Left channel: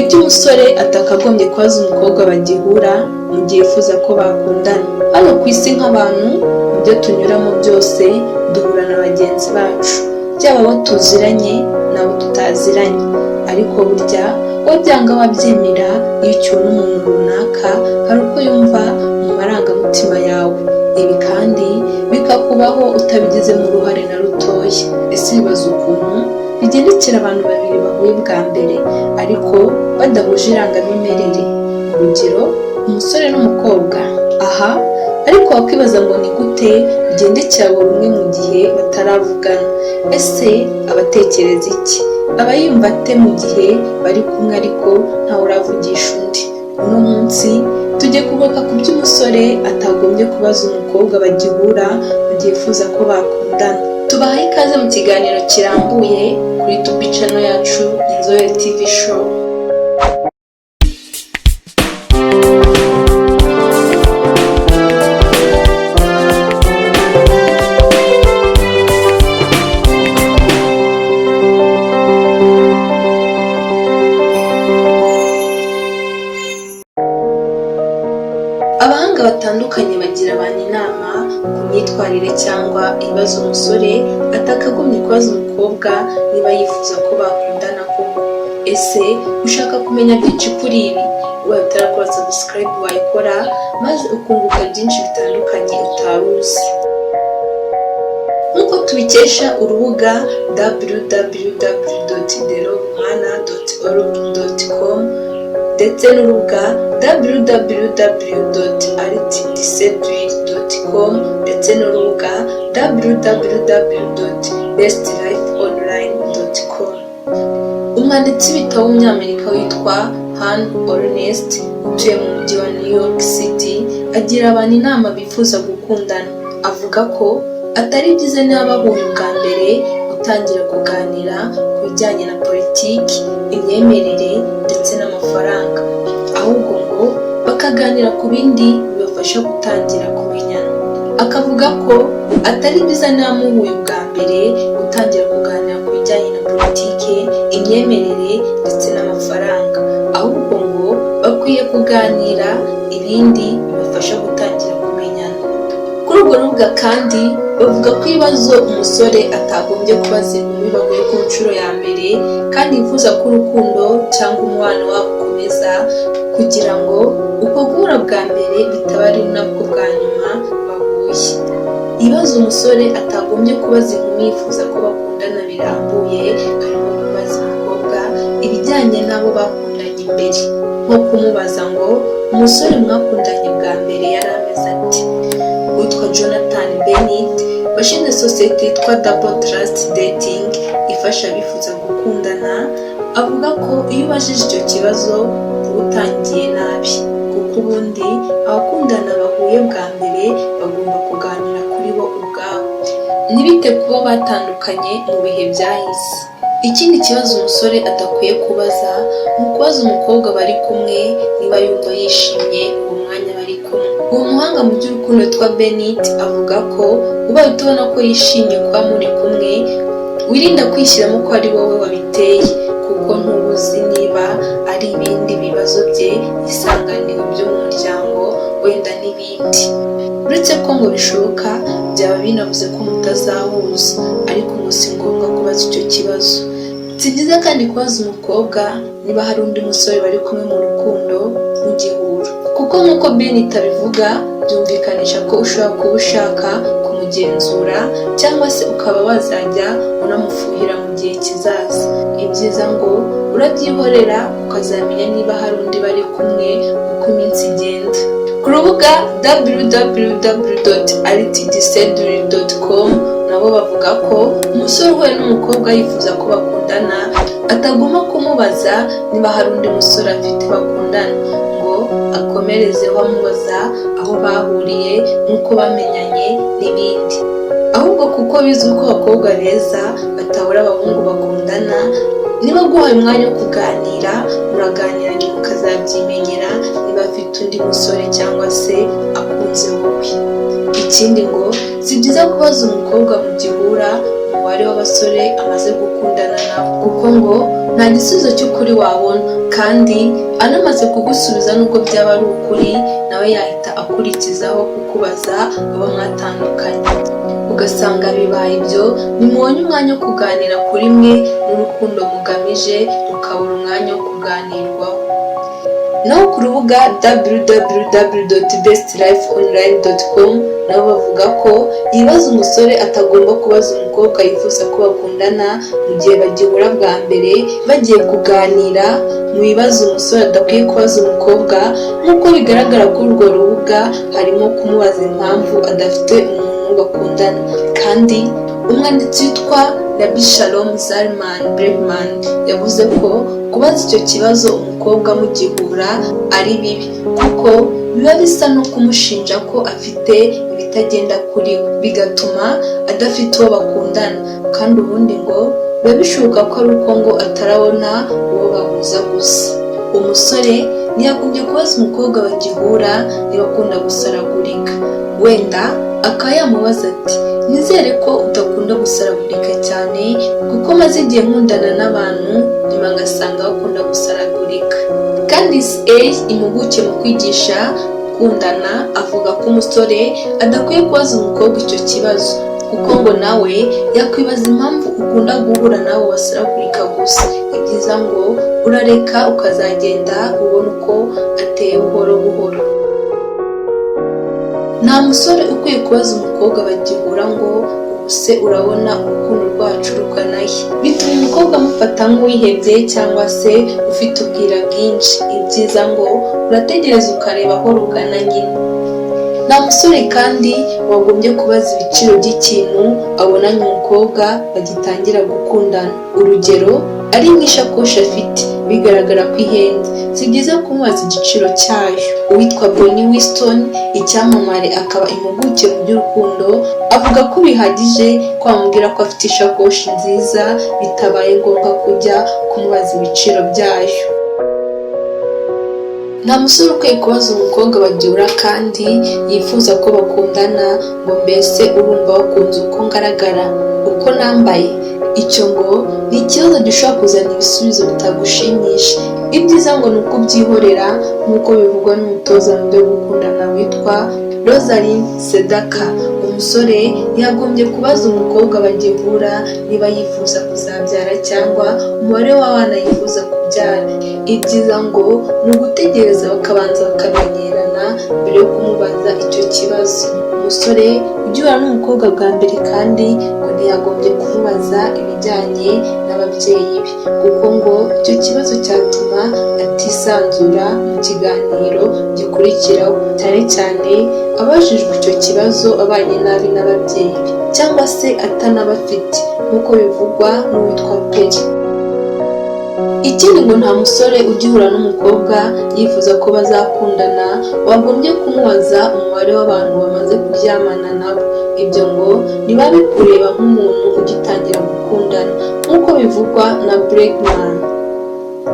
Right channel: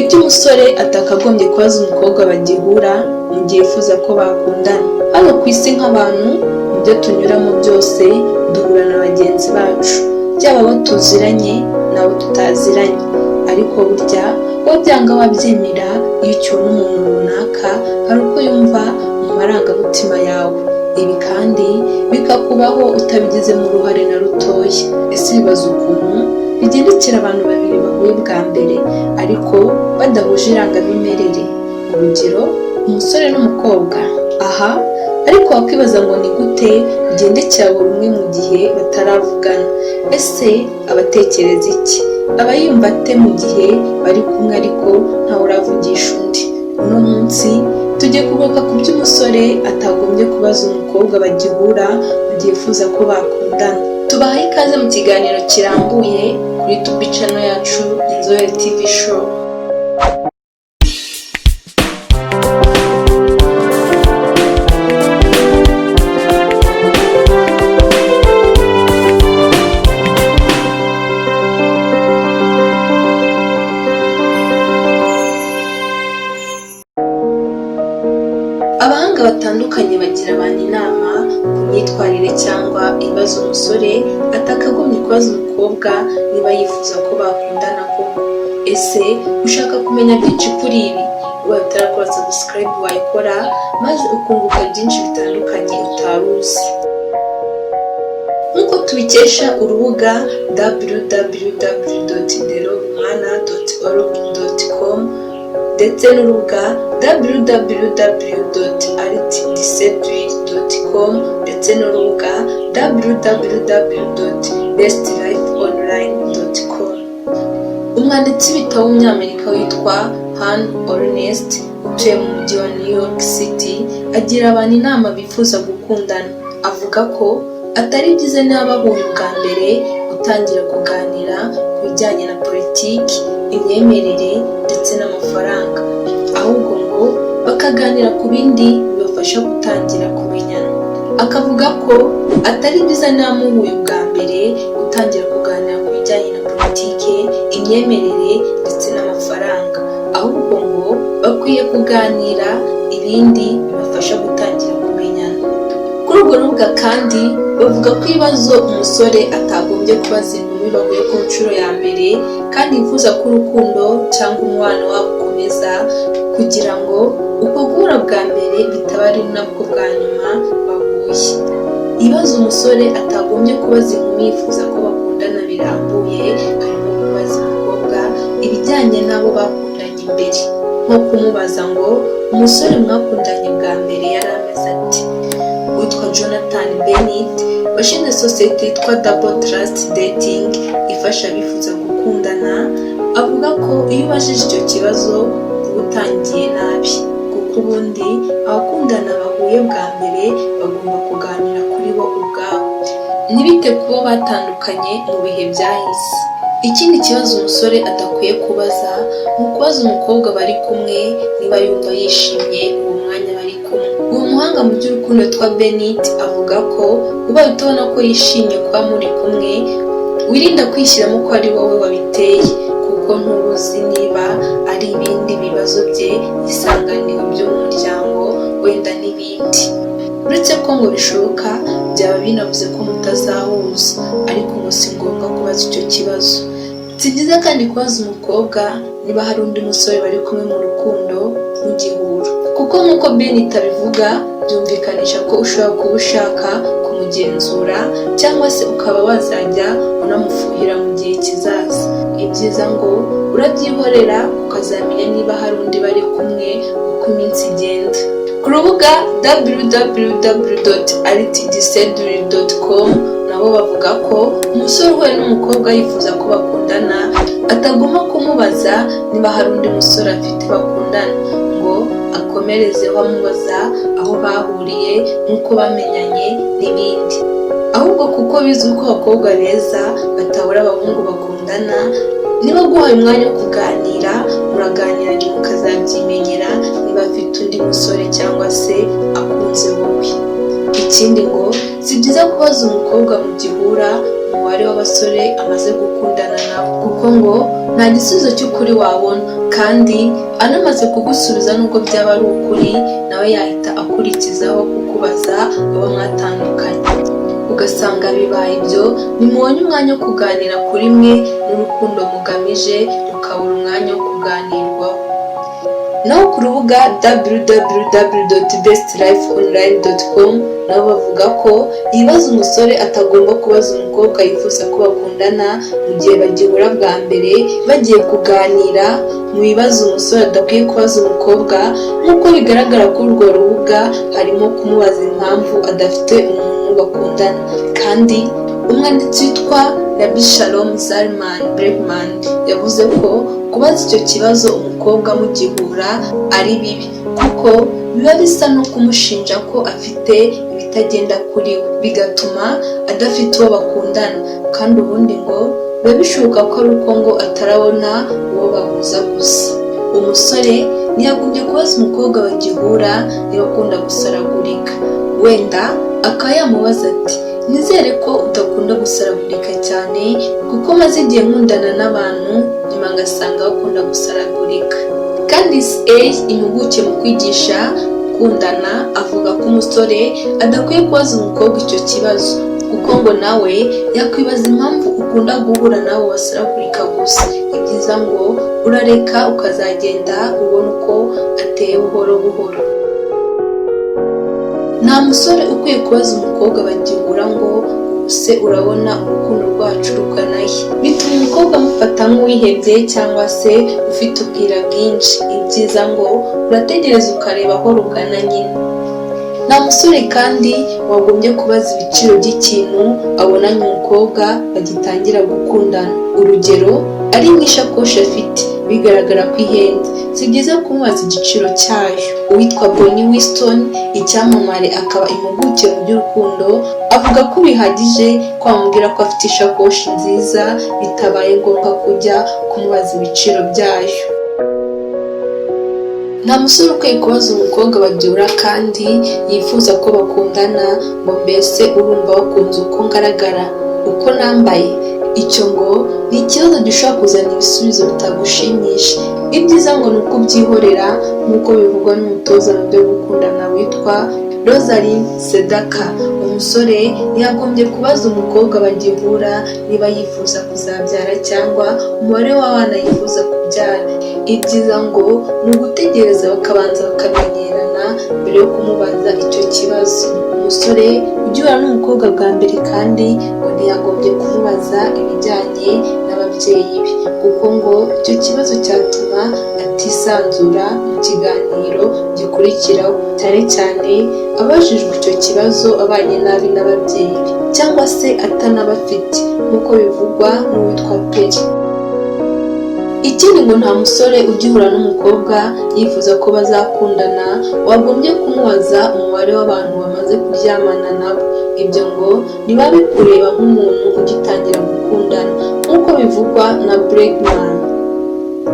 ibyo umusore atakagombye kubaza umukobwa bagihura mu gihe yifuza ko bakundana. Hano ku isi nk'abantu, mu byo tunyuramo byose duhura na bagenzi bacu, byaba abo tuziranye n'abo tutaziranye, ariko burya wabyanga wabyemera iyo ukibona umuntu runaka hari uko yumva mu marangamutima yawe, ibi kandi bikakubaho utabigizemo uruhare na rutoya. Ese bibaza ukuntu bigendekera abantu babiri bahuye bwa mbere ariko badahuje irangamimerere, urugero umusore n'umukobwa. Aha ariko wakwibaza ngo ni gute bigendekera buri umwe mu gihe bataravugana? Ese abatekereza iki? Aba yumva ate mu gihe bari kumwe ariko ntawe uravugisha undi? Uno munsi tugiye kugaruka ku by'umusore atagombye kubaza umukobwa bagihura mu gihe yifuza ko bakundana. Tubahaye ikaze mu kiganiro kirambuye kuri YouTube channel yacu Inzobere TV Show. Abahanga batandukanye bagira abantu inama ku myitwarire cyangwa ibibazo umusore atakagombye kubaza umukobwa niba yifuza ko bakundana koko. Ese ushaka kumenya byinshi kuri ibi? Ubaye utarakora subscribe wayikora maze ukunguka byinshi bitandukanye utari uzi. Nk'uko tubikesha urubuga www.theromana.org.com ndetse n'urubuga www.artdseduire.com ndetse n'urubuga www.bestlifeonline.com. Umwanditsi w'ibitabo w'umunyamerika witwa Hannah Ornstein utuye mu mujyi wa New York City agira abantu inama bifuza gukundana. Avuga ko atari byiza niba bahuye ubwa mbere gutangira kuganira ku bijyanye na politiki, imyemerere ndetse n'amafaranga, ahubwo ngo bakaganira ku bindi bibafasha gutangira kumenyana. Akavuga ko atari byiza niba muhuye ubwa mbere gutangira kuganira ku bijyanye na politiki, imyemerere ndetse n'amafaranga, ahubwo ngo bakwiye kuganira ibindi bibafasha gutangira kumenyana. Kuri urwo rubuga kandi bavuga ko ibibazo umusore atagombye kubaza inkumi bahuye ku nshuro ya mbere kandi yifuza ko urukundo cyangwa umubano wabo ukomeza, kugira ngo uko guhura bwa mbere bitaba ari nabwo bwa nyuma bahuye. Ibibazo umusore atagombye kubaza inkumi yifuza ko bakundana birambuye harimo kubaza umukobwa ibijyanye n'abo bakundanye imbere, nko kumubaza ngo umusore mwakundanye bwa mbere yari ameze ati. Witwa Jonathan Bennett washinze sosiyete yitwa Double Trust Dating ifasha abifuza gukundana, avuga ko iyo ubajije icyo kibazo uba utangiye nabi, kuko ubundi abakundana bahuye bwa mbere bagomba kuganira kuri bo ubwabo, ntibite kubo batandukanye mu bihe byahise. Ikindi kibazo umusore adakwiye kubaza ni ukubaza umukobwa bari kumwe niba yumva yishimye uwo mwanya bari kumwe. Uwo muhanga mu by'urukundo witwa Bennett avuga ko ubaye utabona ko yishimye kuba muri kumwe, wirinda kwishyiramo ko ari wowe wabiteye, kuko ntubuzi niba ari ibindi bibazo bye yisanganiwe byo mu muryango wenda n'ibindi. Uretse ko ngo bishoboka byaba binavuze ko mutazahuza, ariko ngo si ngombwa kubaza icyo kibazo. Si byiza kandi kubaza umukobwa niba hari undi musore bari kumwe mu rukundo mugihura, kuko nk'uko Bennett abivuga byumvikanisha ko ushobora kuba ushaka kumugenzura cyangwa se ukaba wazajya unamufuhira mu gihe kizaza. Ibyiza ngo urabyihorera ukazamenya niba hari undi bari kumwe uko iminsi igenda. Ku rubuga www.artdseduire.com nabo bavuga ko umusore uhuye n'umukobwa yifuza ko bakundana atagomba kumubaza niba hari undi musore afite bakundana, ngo akomerezeho amubaza aho bahuriye n'uko bamenyanye n'ibindi, ahubwo kuko bizwi ko abakobwa beza batabura abahungu bakundana, niba guhaye umwanya wo kuganira muraganira nyuma ukazabyimenyera niba afite undi musore cyangwa se akunze wowe. Ikindi ngo si byiza kubaza umukobwa mu gihura mu umubare w'abasore amaze gukundana nabo, kuko ngo nta gisubizo cy'ukuri wabona, kandi anamaze kugusubiza nubwo byaba ari ukuri nawe yahita akurikizaho kukubaza abo mwatandukanye, ugasanga bibaye ibyo nimubonye umwanya wo kuganira kuri mwe n'urukundo mugamije rukabura umwanya wo kuganirwaho. Naho ku rubuga www.bestlifeonline.com nabo bavuga ko ibibazo umusore atagomba kubaza umukobwa yifuza ko bakundana mu gihe bagihura bwa mbere bagiye kuganira, mu bibazo umusore adakwiye kubaza umukobwa nk'uko bigaragara kuri urwo rubuga harimo kumubaza impamvu adafite umuntu bakundana. Kandi umwanditsi witwa Rabbi Shalom Zalman Bregman yavuze ko kubaza icyo kibazo umukobwa mugihura ari bibi, kuko biba bisa no kumushinja ko afite ibitagenda kuri we, bigatuma adafite uwo bakundana, kandi ubundi ngo biba bishoboka ko ari uko ngo atarabona uwo bahuza gusa. Umusore ntiyagombye kubaza umukobwa bagihura niba akunda gusaragurika, wenda akaba yamubaza ati nizere ko udakunda gusaragurika cyane kuko maze igihe nkundana n'abantu nyuma ngasanga bakunda gusaragurika. Candice A, impuguke mu kwigisha gukundana, avuga ko umusore adakwiye kubaza umukobwa icyo kibazo, kuko ngo nawe yakwibaza impamvu ukunda guhura nabo basaragurika gusa. Ibyiza ngo urareka ukazagenda ubona uko ateye buhoro buhoro. Nta musore ukwiye kubaza umukobwa bagihura ngo ubuse urabona urukundo rwacu ruganahe, bituma umukobwa amufata nk'uwihebye cyangwa se ufite ubwira bwinshi. Ibyiza ngo urategereza ukareba aho rugana nyine. Nta musore kandi wagombye kubaza ibiciro by'ikintu abonanye umukobwa bagitangira gukundana. Urugero, ari nk'ishakoshi afite bigaragara ko ihenze, si byiza kumubaza igiciro cyayo. Uwitwa Bonnie Winston, icyamamare akaba impuguke mu by'urukundo, avuga ko bihagije ko amubwira ko afite ishakoshi nziza bitabaye ngombwa kujya kumubaza ibiciro byayo. Nta musore ukwiye kubaza umukobwa bagihura kandi yifuza ko bakundana ngo mbese urumva wakunze uko ngaragara, uko nambaye. Icyo ngo ni ikibazo gishobora kuzana ibisubizo bitagushimisha. Ibyiza ngo ni uko ubyihorera nk'uko bivugwa n'umutoza mu byo gukundana witwa Rosalind Sedaka. Umusore ntiyagombye kubaza umukobwa bagihura niba yifuza kuzabyara cyangwa umubare w'abana yifuza kubyara. Ibyiza ngo ni ugutegereza bakabanza bakamenyerana mbere yo kumubaza icyo kibazo. Umusore ugihura n'umukobwa bwa mbere kandi ngo ntiyagombye kumubaza ibijyanye n'ababyeyi be, kuko ngo icyo kibazo cyatuma atisanzura mu kiganiro gikurikiraho, cyane cyane abajijwe icyo kibazo abanye nabi n'ababyeyi be cyangwa se atanabafite nk'uko bivugwa n'uwitwa Peri. Ikindi ngo nta musore ugihura n'umukobwa yifuza ko bazakundana wagombye kumubaza umubare w'abantu bamaze kuryamana nabo. Ibyo ngo niba bikureba nk'umuntu ugitangira gukundana nk'uko bivugwa na Bregman.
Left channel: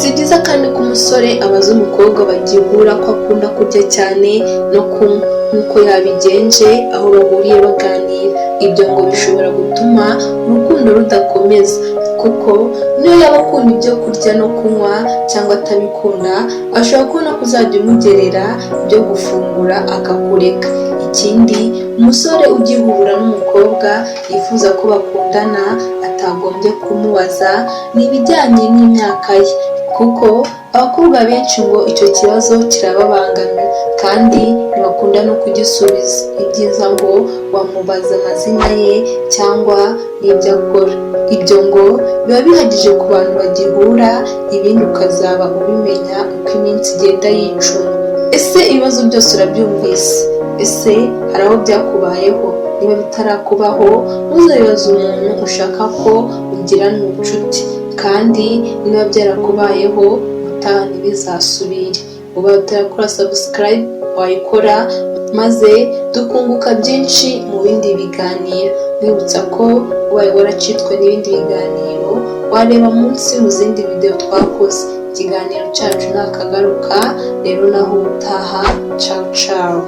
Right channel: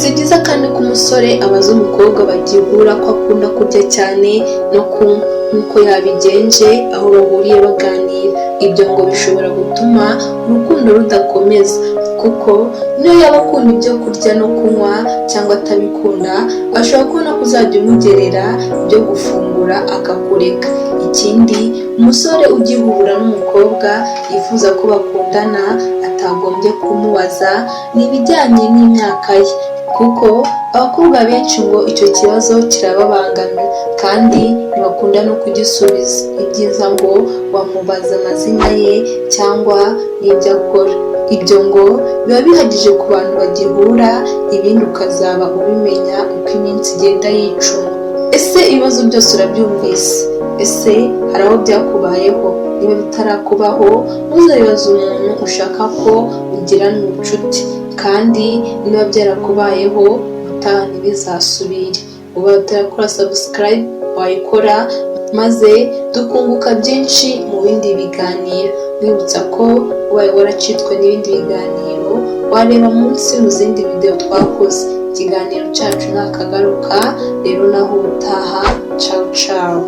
Si byiza kandi ko umusore abaza umukobwa bagihura ko akunda kurya cyane no kunywa nk'uko yabigenje aho bahuriye baganira. Ibyo ngo bishobora gutuma urukundo rudakomeza, kuko niyo yaba akunda ibyo kurya no kunywa cyangwa atabikunda ashobora kubona ko uzajya umugerera ibyo gufungura akakureka. Ikindi, umusore ugihura n'umukobwa yifuza ko bakundana atagombye kumubaza ni ibijyanye n'imyaka ye, kuko abakobwa benshi ngo icyo kibazo kirababangamiye kandi ntibakunda no kugisubiza. Ibyiza ngo wamubaza amazina ye cyangwa n'ibyo akora. Ibyo ngo biba bihagije ku bantu bagihura, ibindi ukazaba ubimenya uko iminsi igenda yicuma. Ese ibibazo byose urabyumvise? Ese hari aho byakubayeho? Niba bitarakubaho ntuzabibaze umuntu ushaka ko ugirana ubucuti, kandi niba byarakubayeho ubutaha ntibizasubire. Uba utarakora subscribe wayikora maze tukunguka byinshi mu bindi biganiro. Mwibutsa ko ubaye waracitwe n'ibindi biganiro wareba munsi mu zindi video twakoze. Ikiganiro cyacu nakagaruka rero naho utaha. Ciao ciao.